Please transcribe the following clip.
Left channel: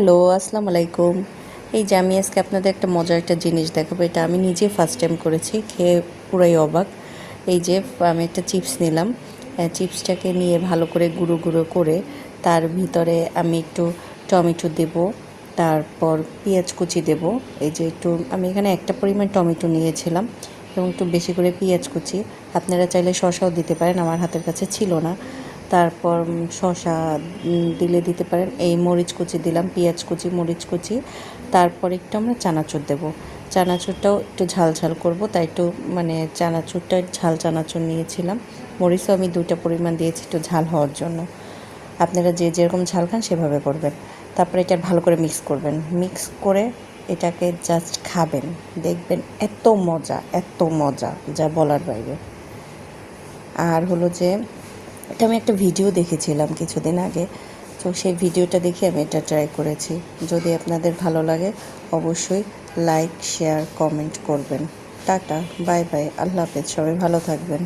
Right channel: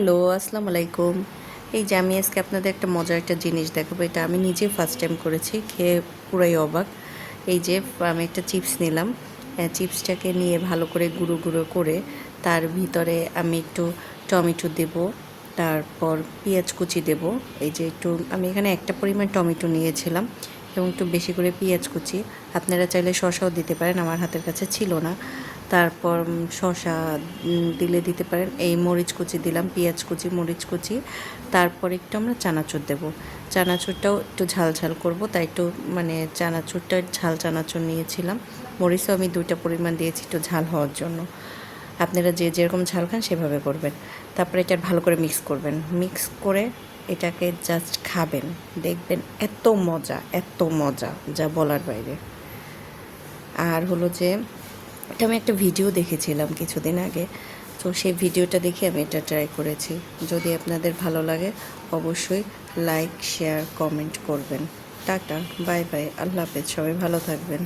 Hello, আসসালামু আলাইকুম। এই যে আমি আজকে আপনাদের একটা মজার একটা জিনিস দেখাবো। এটা আমি নিজে ফার্স্ট টাইম করেছি, খেয়ে পুরাই অবাক। এই যে আমি একটা চিপস নিলাম। চিপসটাকে নিয়ে ভালো করে গুঁড়ো গুঁড়ো করে তার ভিতরে আমি একটু টমেটো দেব, তারপর পেঁয়াজ কুচি দেব। এই যে একটু আমি এখানে একটা পরিমাণ টমেটো নিয়েছিলাম এবং একটু বেশি করে পেঁয়াজ কুচি। আপনারা চাইলে শসাও দিতে পারেন, আমার হাতের কাছে ছিল না। তারপর শসা দিলে দিতে পারেন। এই মরিচ কুচি দিলাম, পেঁয়াজ কুচি, মরিচ কুচি। তারপর একটু আমরা চানাচুর দেব। চানাচুরটাও একটু ঝাল ঝাল করব, তাই একটু মানে চানাচুরটা ঝাল চানাচুর নিয়েছিলাম। মরিচও আমি 2টা পরিমাণ দিয়েছি একটু ঝাল হওয়ার জন্য। আপনারা যে যেরকম ঝাল খান সেভাবে করবেন। তারপরে এটা ভালো করে মিক্স করবেন। মিক্স করে এটাকে জাস্ট খাবেন, দেখবেন এত মজা যা বলার বাইরে। আর হলো যে এটা আমি একটা ভিডিও দেখেছিলাম কিছুদিন আগে, তো সেই ভিডিওটা দেখে আমি এটা ট্রাই করেছি। যদি আপনাদের ভালো লাগে অবশ্যই লাইক, শেয়ার, কমেন্ট করবেন। টাটা, বাই বাই, আল্লাহ হাফেজ, সবাই ভালো থাকবেন।